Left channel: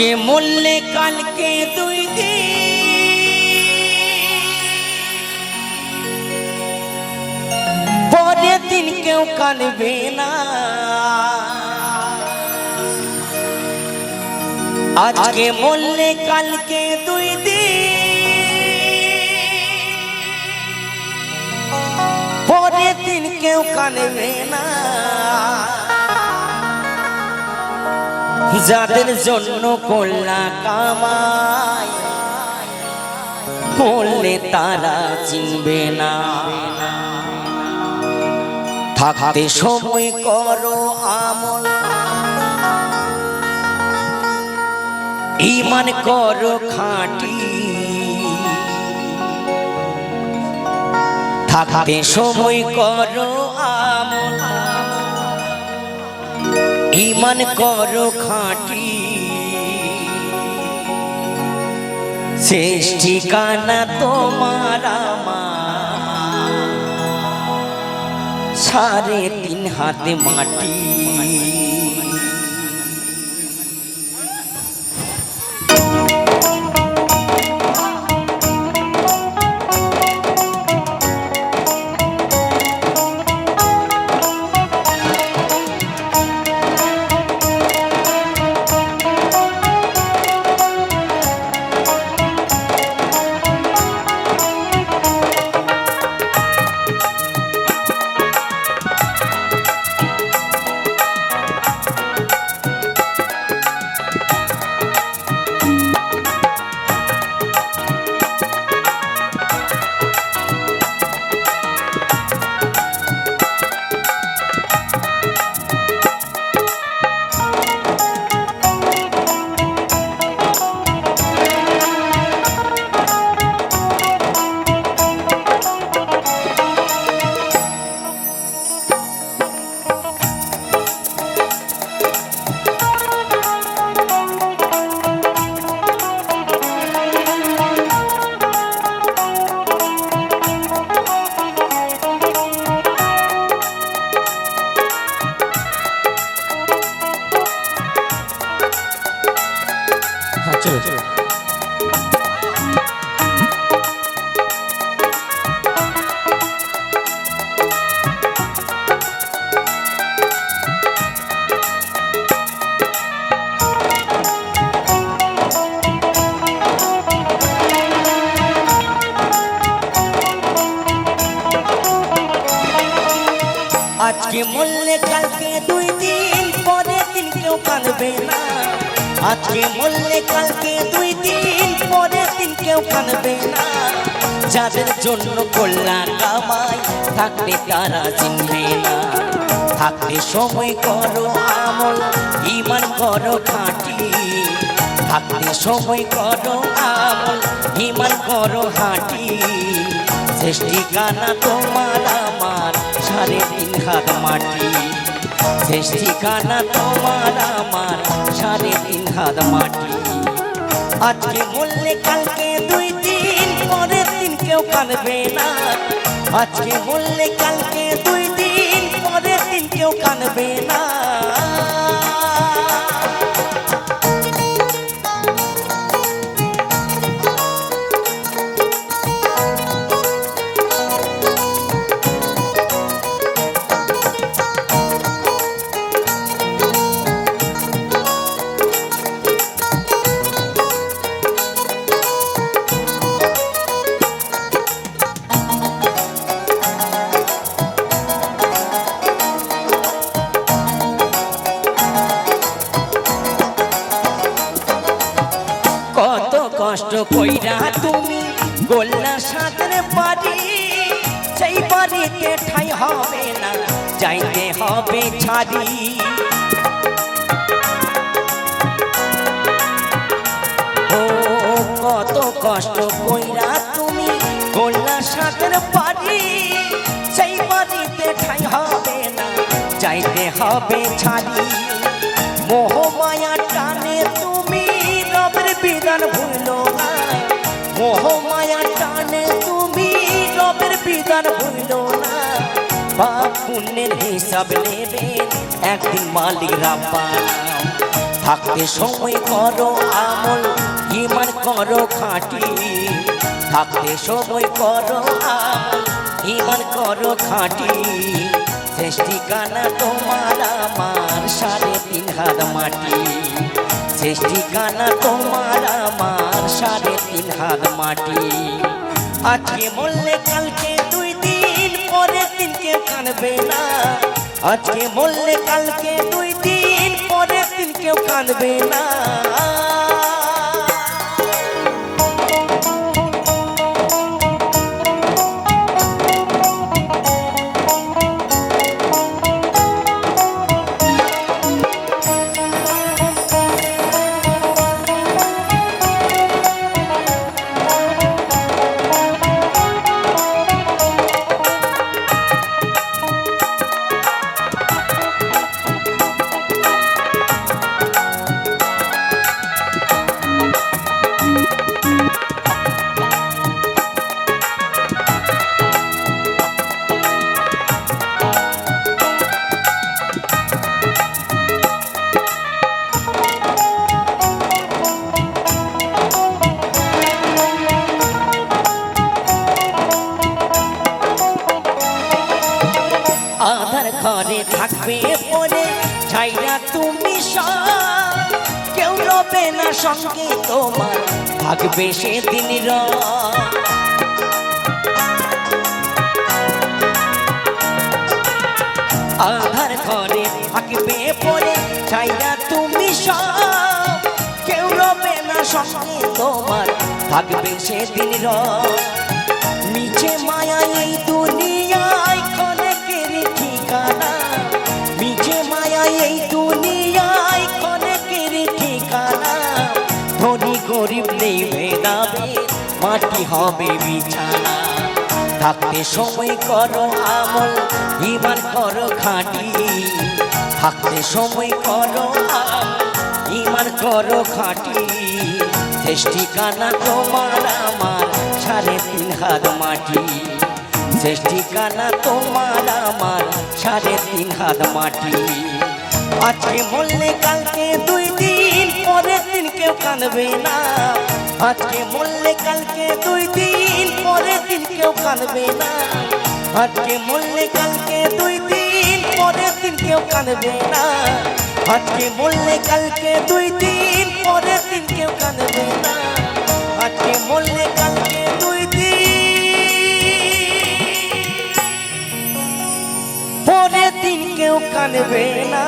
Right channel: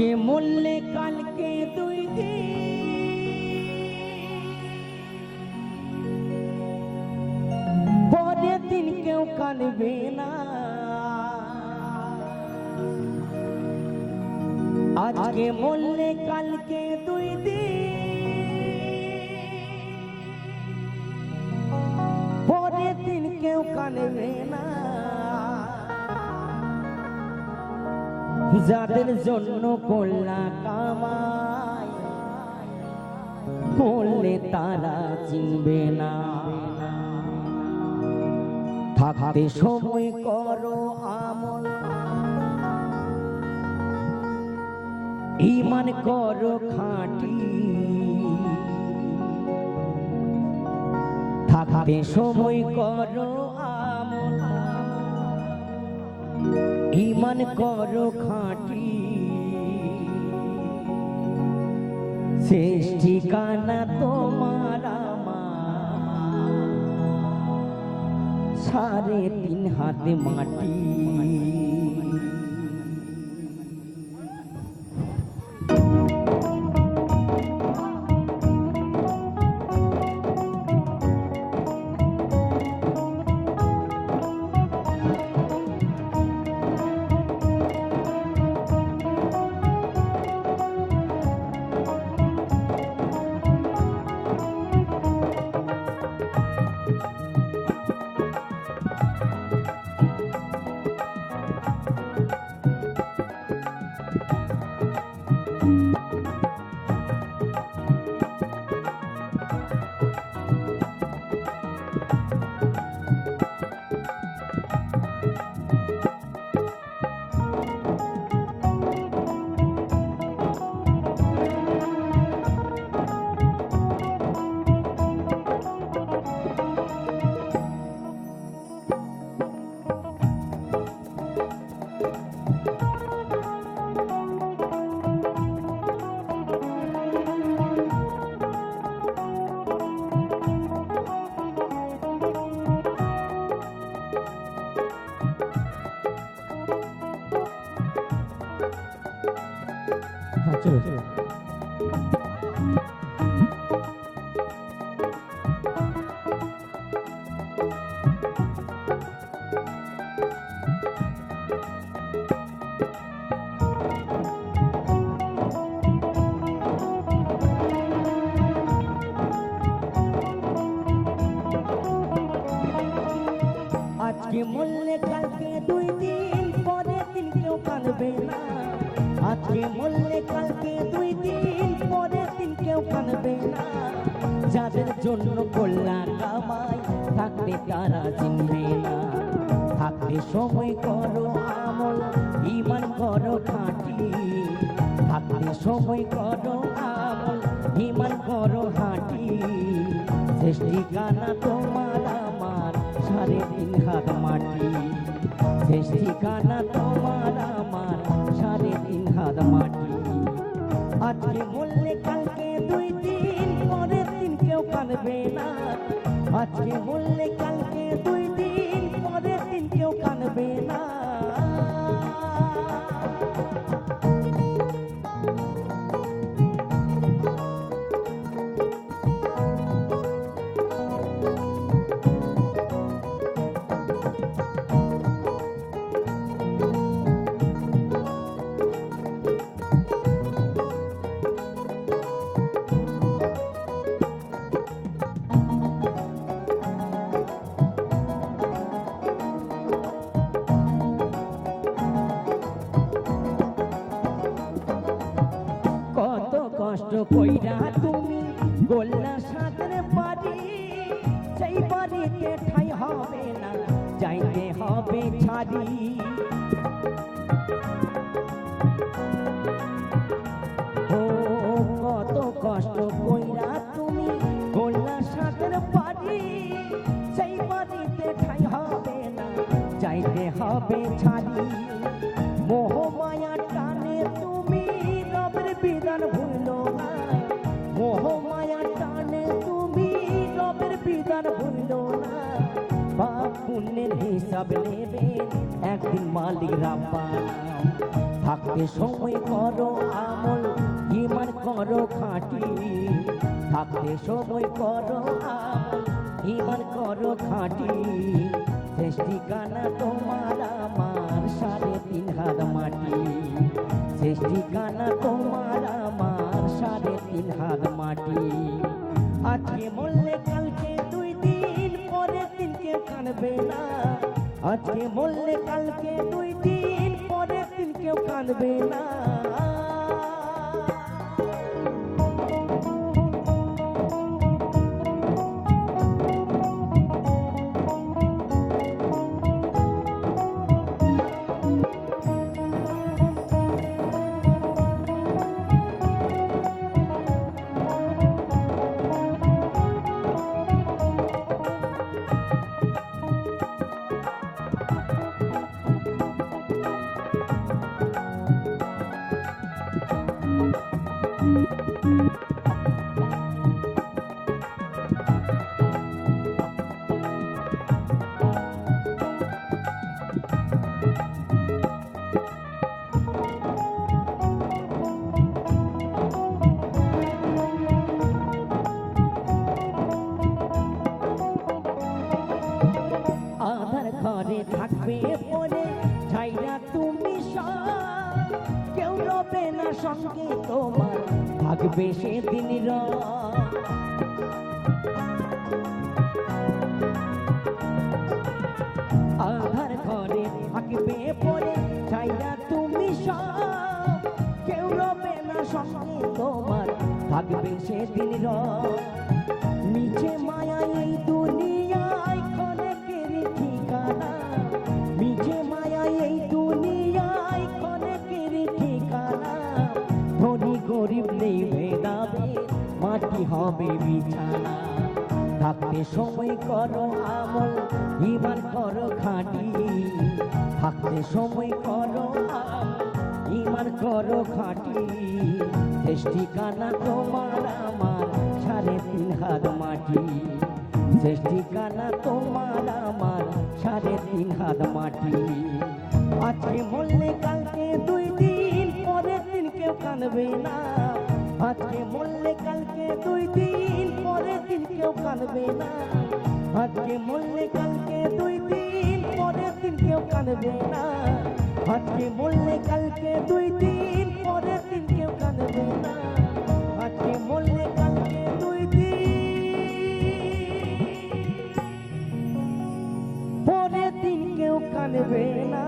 আজকে মরলে কালকে দুই দিন, পরের দিন কেউ কানবে না। আজকে মরলে কালকে দুই দিন, পরের দিন কেউ কানবে না। যাদের জন্য করলা কামাই, বললে তারা চিনবে না। থাকতে সময় করো আমল, ঈমান করো খাঁটি। থাকতে সময় করো আমল, ঈমান করো খাঁটি। শেষ ঠিকানা তোমার আমার, 3.5 হাত মাটি। চলো চলো। আজকে মরলে কালকে দুই দিন, পরের দিন কেউ কাঁদবে না। আজকে মরলে কালকে দুই দিন, পরের দিন কেউ কাঁদবে না। যাদের জন্য করলা কামাই, থাকলে তারা চিনবে না। থাকতে সময় করো আমল, ঈমান করো খাঁটি। থাকতে সময় করো আমল, ঈমান করো খাঁটি। শেষ ঠিকানা তোমার আমার, 3.5 হাত মাটি। শেষ ঠিকানা তোমার আমার, 3.5 হাত মাটি। আজকে মরলে কালকে দুই দিন, পরের দিন কেউ কাঁদবে না। আজকে মরলে কালকে দুই দিন, পরের দিন কেউ কাঁদবে না। কত কষ্ট কইরা তুমি গোল্লা সাঁতরে পারি, সেই বাড়িতে ঠাই হবে না, যাইতে হবে ছাড়ি। ও কত কষ্ট কইরা তুমি গোল্লা সাঁতরে পারি, সেই বাড়িতে ঠাই হবে না, যাইতে হবে ছাড়ি। মোহ মায়া টানে তুমি রবের বিধান ভুলো না। মোহ মায়া টানে তুমি রবের বিধান ভুলো না। পাপ পুণ্যের হিসাব নেবেন একদিন মালিক রাব্বানা। থাকতে সময় করো আমল ইমান করো খাঁটি থাকতে সময় করো আমল ইমান করো খাঁটি শেষ ঠিকানা তোমার আমার 3.5 হাত মাটি শেষ ঠিকানা তোমার আমার 3.5 হাত মাটি আজকে মরলে কালকে 2 দিন পরের দিন কেউ কাঁদবে না আজকে মরলে কালকে 2 দিন পরের দিন কেউ কাঁদবে না আধার ঘরে থাকবে পরে ছাইরা তুমি সব কেউ রবে না সঙ্গে তোমার থাকবে সেদিন আধার ঘরে থাকবে পরে ছাইরা তুমি সব কেউ রবে না সঙ্গে তোমার থাকবে সেদিন মিছে মায়া এই দুনিয়ায় ক্ষণেকের ঠিকানা মিছে মায়া এই দুনিয়ায় ক্ষণেকের ঠিকানা ধনী গরিব নেই ভেদাবে মাটি হবে বিছানা থাকতে সময় করো আমল ইমান করো খাঁটি থাকতে সময় করো আমল ইমান করো খাঁটি শেষ ঠিকানা তোমার আমার 3.5 হাত মাটি শেষ ঠিকানা তোমার আমার 3.5 হাত মাটি আজকে মরলে কালকে 2 দিন পরের দিন কেউ কাঁদবে না আজকে মরলে কালকে 2 দিন পরের দিন কেউ কাঁদবে না আজকে মরলে কালকে 2 দিন পরের দিন কেউ কাঁদবে না আজকে মরলে কালকে 2 দিন পরের দিন কেউ কাঁদবে না আজকে মরলে কালকে 2 দিন পরের দিন কেউ কাঁদবে না।